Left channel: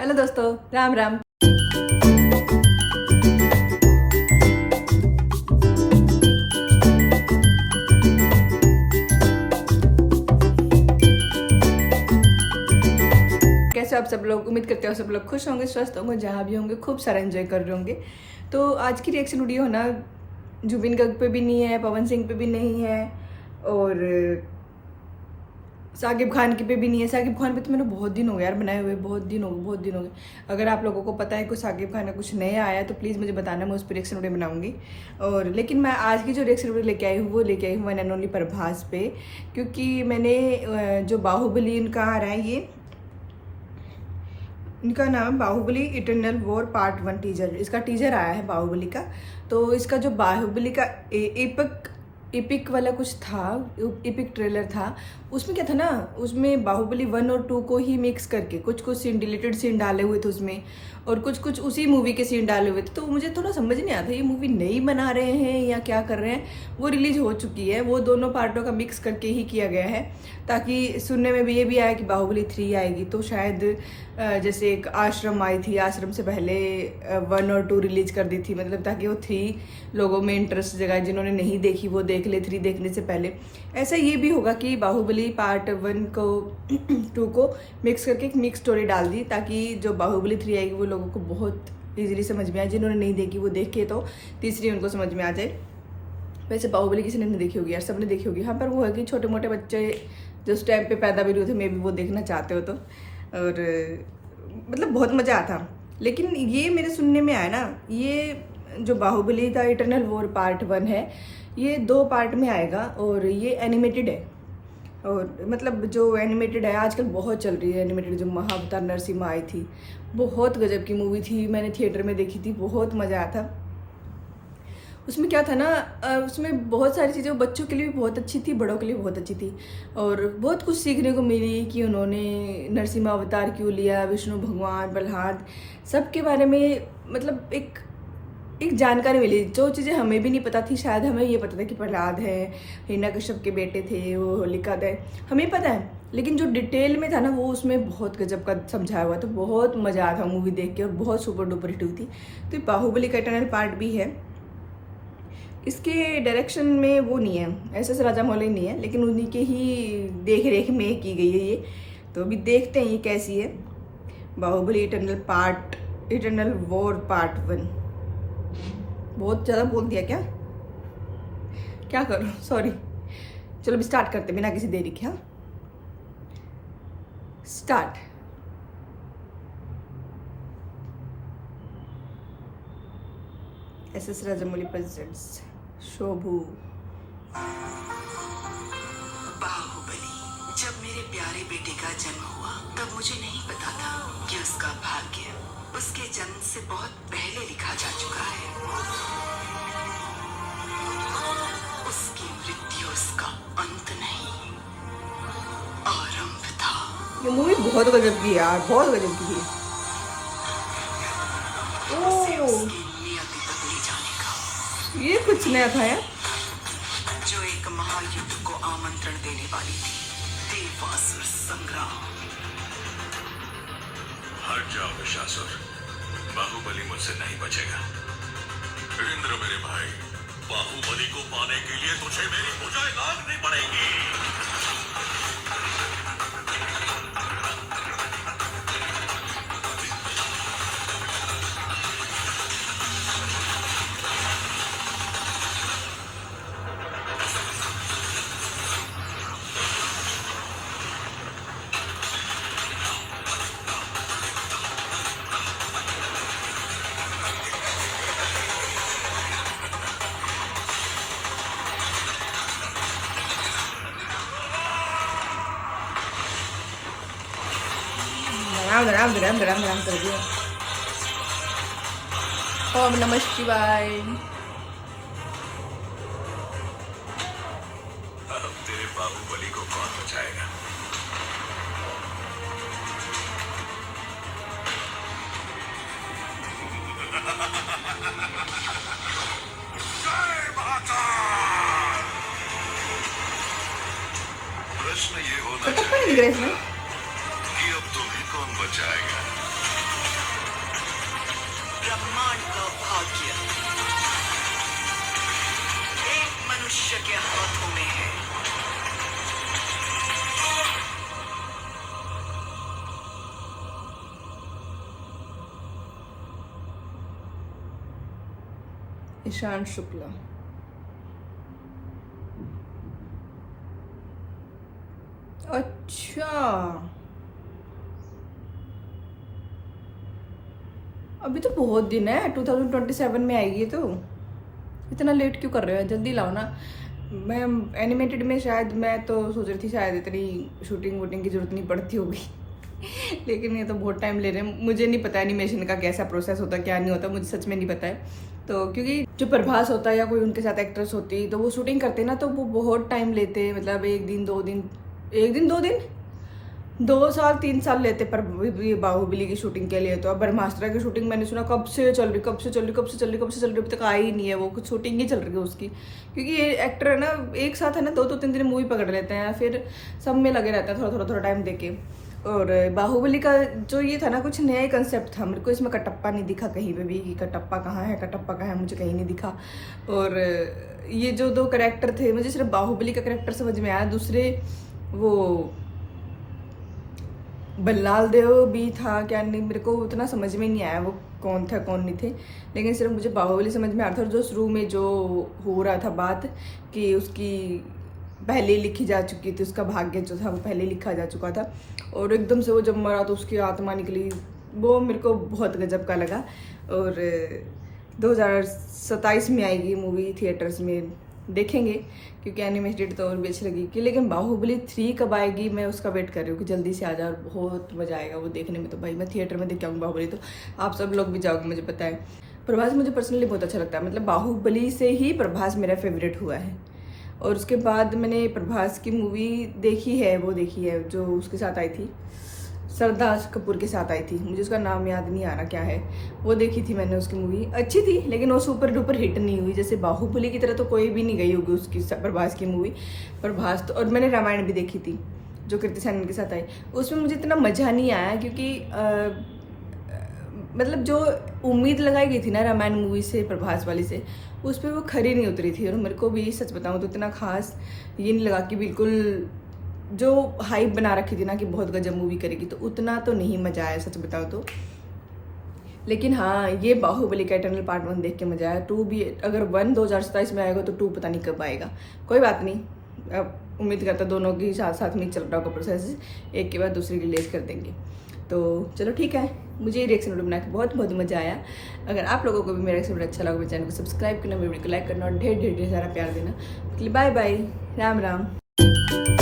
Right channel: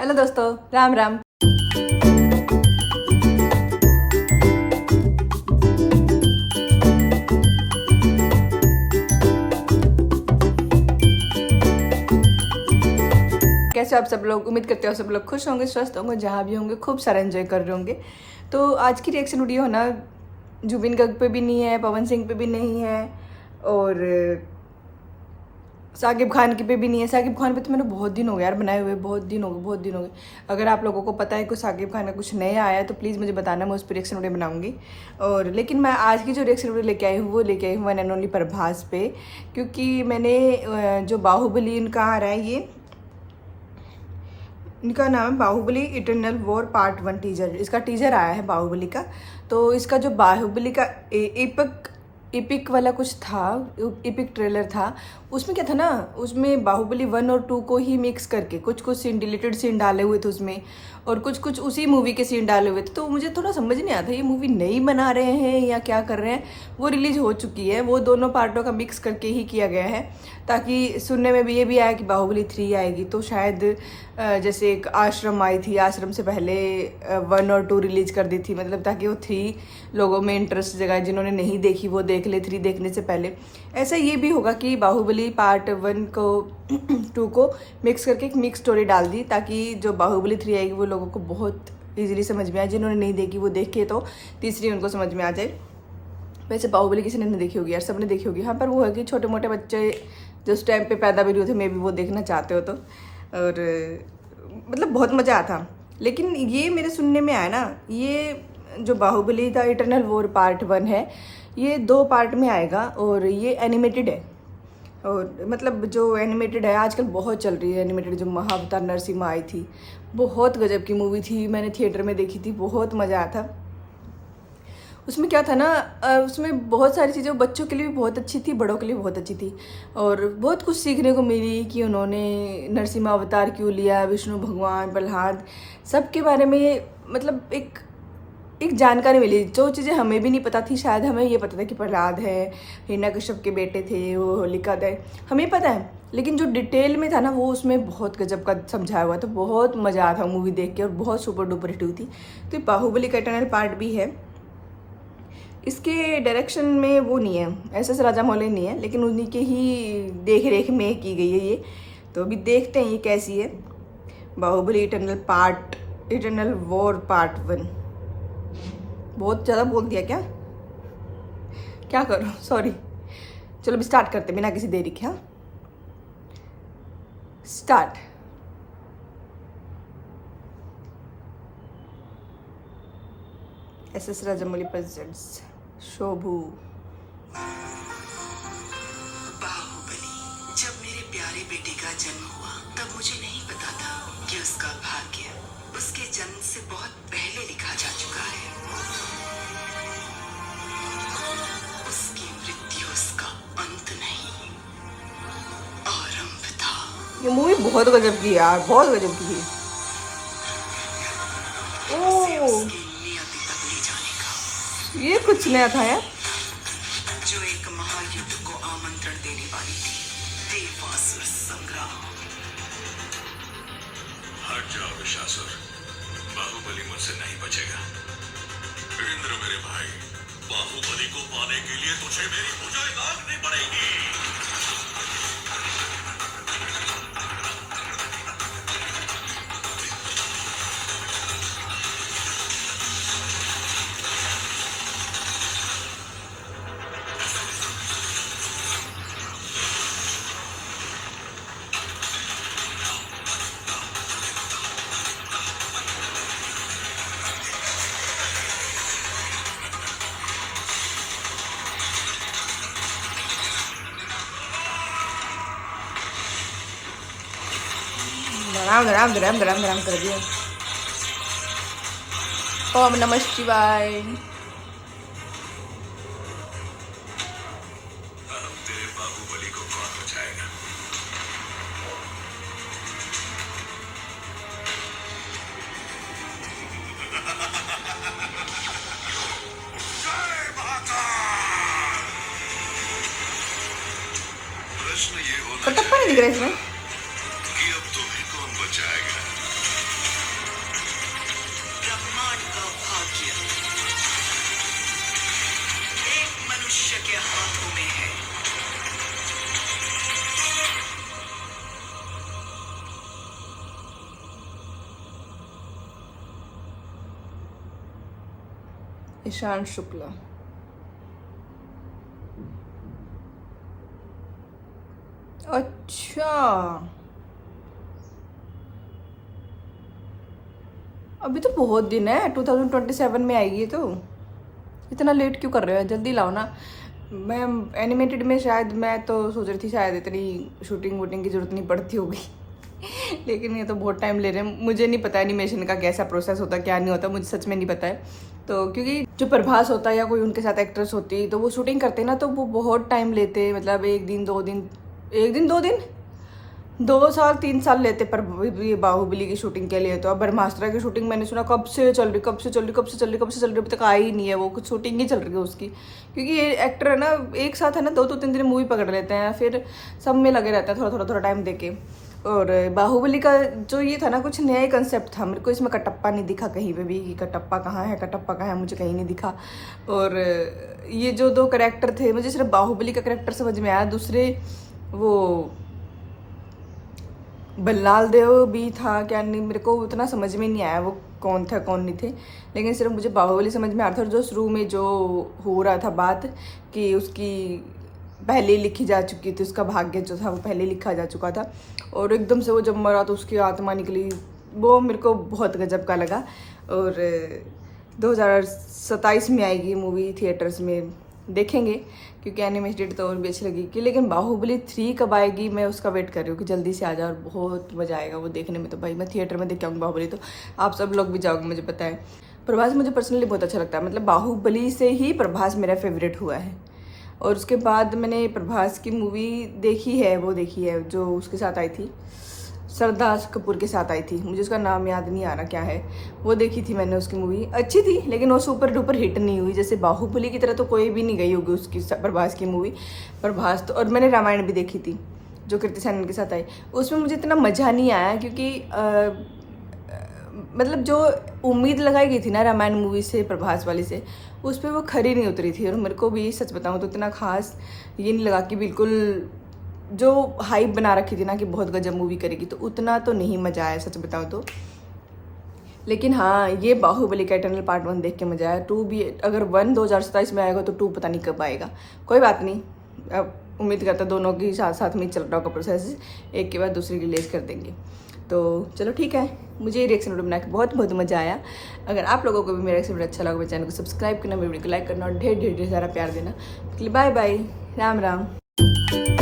Hello दोस्तों, राम राम। कैसे आप सब लोग? उम्मीद करते हो सब लोग खुश होंगे, स्वस्थ होंगे, जहाँ भी होंगे खूब सारा एंजॉय कर रहे होंगे। तो आज की रिएक्शन वीडियो है ना, जुबिन गर्ग पे भी नहीं है, पवन सिंह पे भी नहीं है और साकिब खान की पे भी नहीं है। साकिब खान पे तो मैंने बहुत दिन हो गया यार बनाए हुए, बहुत दिन हो गए। अगर आप लोगों को पता है कि साकिब खान का कुछ नया आया है तो प्लीज़ मुझे बताना, मैं उस पर रिएक्शन वीडियो बनाऊंगी। और लेकिन मैं आज की जो रिएक्शन वीडियो लेके आई हूँ वो लेके आई हूँ वन एंड ओनली प्रभास पे, क्योंकि मैंने जो बाहुबली इनका आ रहा है, ये इनका नाम Baahubali eternal war part 1 teaser, इसका टीजर आया है बाहुबली का। तो इसका जो बाहुबली का एपिक वाला कुछ था, एपिक ट्रेलर था, उसमें क्या था ना, उसमें बाहुबली 1 और 2 को ही मिक्स करके कुछ कुछ सीन, डिलीटेड सीन डाले हुए थे उसमें, और कुछ कुछ उसी मूवी के सीन डाले हुए थे। तो मुझे थोड़ा समझ नहीं आता ये मूवी नई बना रहे हैं या क्या कर रहे हैं। वो रिलीज हो चुकी है, वो दोनों पार्टों का मिक्स करके ही किया गया है, ताकि सुनने में भी ये भी आया कि बाहुबली 3 आएगी। तो शायद जैसे एक आश्रम आई थी, आश्रम से पहले 1 और 2 रिलीज कर दी थी, मतलब ताकि वो 3 लोगों में इंटरेस्ट जगाए, जिन्होंने नहीं देखी वो देख ले 3 देखने से पहले। ऐसा ये भी होगा कि बाहुबली पार्ट 1 को 2 को मिक्स करके एक मिक्स स्टोरी डाल दी, ताकि जो बाहुबली 3 आएगी वो लोगों को बहुत ईजिली समझ में आए। जिन्होंने नहीं देखी वो देखे तो तीसरी उनको समझ में आ जाए। वैसे बाहुबली किसी ने नहीं देखी होगी यार, सबने देखी होगी। हाँ, पर वो है कि छोटे मोटे बच्चे जो उस टाइम पे पैदा भी नहीं हुए थे, मे भी वो देखना चाहते हो तो, और मतलब बहुत मज़ा आया था। लेकिन ये मेरे सुनने में आया ना, ये जो Baahubali the eternal war part 1 है, ये 2 पार्ट में आएगा और ये एनिमेटेड है। और मतलब जो एनिमेटेड है आजकल बहुत चल रही है एनिमेटेड, जो महाअवतार नरसिम्हा आई थी, बहुत गजब की मूवी थी, मैंने थिएटर में देखी थी, बहुत मज़ा आया था। उसमें क्या था ना, उसमें बहुत सारी चीज़ें बच्चों के लिए भी बहुत अच्छी थी, बड़ों के लिए बहुत अच्छी थी, और बहुत कुछ सीखने को मिली कि उन्होंने नरसिम्हा अवतार क्यों लिया, विष्णु भगवान, प्रहलाद, सबके बारे में मतलब एक जानकारी मिली। जो चीज़ें हमें भी नहीं पता थी, शायद हमें ये पता था कि प्रहलाद है, हिरण्यकश्यप के बेटे थे, वो होलिका दहन हमें पता है, लेकिन जो डिटेल में था ना वो उसमें बहुत गजब का समझाया हुआ। तो बहुत मज़ा आया था मूवी देख के, और बहुत सुपर डुपर हिट हुई थी। तो बाहुबली का इटर्नल पार्ट भी है, इसके डायरेक्शन में वो नहीं है, SS राजामौली नहीं है, लेकिन उन्हीं के ही देख रेख में की गई है ये। तो अभी देखते हैं ये कैसी है, बाहुबली इटर्नल वॉर पार्ट 1। बहुत ज़्यादा बोल दिया क्या करूँ, सॉरी। चलो अभी स्टार्ट करते बिना किसी देरी के। हाँ, start. SS Rajamouli presents Shobu. Baahubali. जब मेरे प्यारे बेटे का जन्म हुआ तब मुझे नहीं पता था कि उसका भाग्य उसके जन्म से बहुत पहले लिखा जा चुका है। उसकी मृत्यु उसका अंत नहीं, आरंभ था। वो मूवी बहुत गजब की यार, बहुत गजब की थी। उसे ओह, उसकी नियति तक ले जाने का, ये कुछ नया था यार। जो एक महायुद्ध को आमंत्रण देने वाली थी, देवासुर संग्राम। हट जाओ विशासुर, बाहुबली मुझसे नहीं बचेगा। इंद्र मेरे भाई, बाहुबली को पाने के लिए तुझे मेरी भुजाएं लांघनी पड़ेगी। राम कर दिया। ओम नमः शिवाय। अब तेरे बाहुबली को कौन बचाएगा? जय महाकाल। प्रश्न ये होना चाहिए इसमें कि अब तुम्हें कौन बचाएगा? ब्रह्मांड का भाग्य एक मनुष्य के हाथों में है। ईशान शुक्ला। अच्छा, अभी तो बहुत दिन है, 2027 में आएगी। तो इतना लेट क्यों कर रहे हो, जल्दी लाओ ना। मैं एनिमेटेड में शायद, मैं तो सोच रही थी शायद इतनी शूटिंग वूटिंग की जरूरत नहीं पड़ती होगी लेकिन ये तो बहुत टाइम ले रहे हैं। मुझे नहीं पता एनिमेशन का कैसा प्रोसेस होता है, क्या नहीं होता, मुझे सच में नहीं पता है। तो क्योंकि जो प्रभास होता है या कोई उनके साथ एक्ट्रेस होती है, तो वो शूटिंग करते हैं ना, तो वो बहुत टाइम लेते हैं। मतलब एक दिन 2 दिन, 2 साल 3 साल लेते पर ये बाहुबली की शूटिंग के लिए। तो अब ब्रह्मास्त्र की शूटिंग मैंने सुना कब से चल रही अभी तक आई ही नहीं है। वो कुछ शूटिंग ही चल रही है उसकी, क्योंकि ये एक्टर है ना, एक साथ है ना 2-3 दिन मूवी पकड़ लेते हैं, फिर सब में लगे रहते हैं थोड़ा टाइम देके। और बाहुबली का जो ये था ना, कुछ नया ही कंसेप्ट था। मेरे को इसमें कटप्पा नहीं दिखा कहीं पे भी, कि कटप्पा कहाँ है, मुझे कहीं नहीं दिखा। और ये जो 2 कैरेक्टर थे, मुझे सिर्फ बाहुबली का कैरेक्टर समझ में आया, दूसरे वो बल्लाल देव भी था क्या, नहीं मेरे को उतना समझ में नहीं आया वो कौन था कौन नहीं थे। लेकिन सिर्फ मुझे बाहुबली समझ में आ रहा था। और जो शुरू में जो हो रहा था बात कि उसकी पहले ही लिखी जा चुकी थी, उसका भाग्य जो था वो पहले लिखा जा चुका था, और एकदम से वो जब मरा तो उसकी आत्मा निकली, वो मेरे को बहुत गजब का लगा। और 2027 में आएगी मूवी, थिएटर्स में देखेंगे, क्योंकि एनिमेटेड तो और भी अच्छी लगेगी। लेकिन बाहुबली 3 कब आएगी, मैं उसका वेट कर रही हूँ कि जल्दी से आ जाए, और बहुत मज़ा आएगा वो देखने में। तो भाई मैं थिएटर में देख आऊँगी बाहुबली, तो आप सब लोग भी जाओगे, मुझे पता है। प्रभास मुझे पर्सनली बहुत अच्छा लगता है, मतलब बाहुबली से ही प्रभास मेरा फेवरेट हुआ है। और उसके बाद मैंने प्रभास की मूवी देखी है जो उसके साथ आई थी, सरदार कपूर के साथ आई थी, मुझे उसका नाम याद नहीं आ रहा क्या है। वो देखी थी मैंने, उसकी मूवी अच्छी थी, लेकिन वो सुपर डुपर हिट नहीं हुई। जैसे बाहुबली की तरह तो कोई भी नहीं गई होगी उसकी, प्रभास की मूवी। प्रभास तो, और मैंने रामायण भी देखी थी जो कीर्ति सेनन के साथ आई, उसमें मुझे इतना मज़ा नहीं आया, क्योंकि मतलब जो उम्मीद लगाई गई थी ना रामायण मूवी से, प्रभास वाली से, उस पर वो खरी नहीं उतरी थी। और मेरे को भी सच बताऊँ तो इतना खास ये नहीं लगा कि बिल्कुल जो हाइप बना रखी थी ना कि बहुत गजब मूवी करेगी, तो उतना तो नहीं मज़ा आया सच बताऊँ तो। लेकिन हाँ, ये बाहुबली का इटर्नल पार्ट 1 देख के मज़ा आया। 2 भी, अगर 1 2027 में आएगा तो 2 पता नहीं कब आएगा। कोई बात नहीं, अब उम्मीद करता दोनों की साथ साथ में चल रहा होगा प्रोसेस, एक के बाद दूसरी रिलीज कर देंगे। तो चलो ठीक है, मुझे ये रिएक्शन वीडियो बना के बहुत मज़ा आया। अगर आप लोगों को भी मेरा रिएक्शन वीडियो अच्छा लगा, मेरे चैनल को सब्सक्राइब करना, मेरे वीडियो को लाइक करना, और ढेर ढेर सारा प्यार देना। Bye bye, Ram Ram.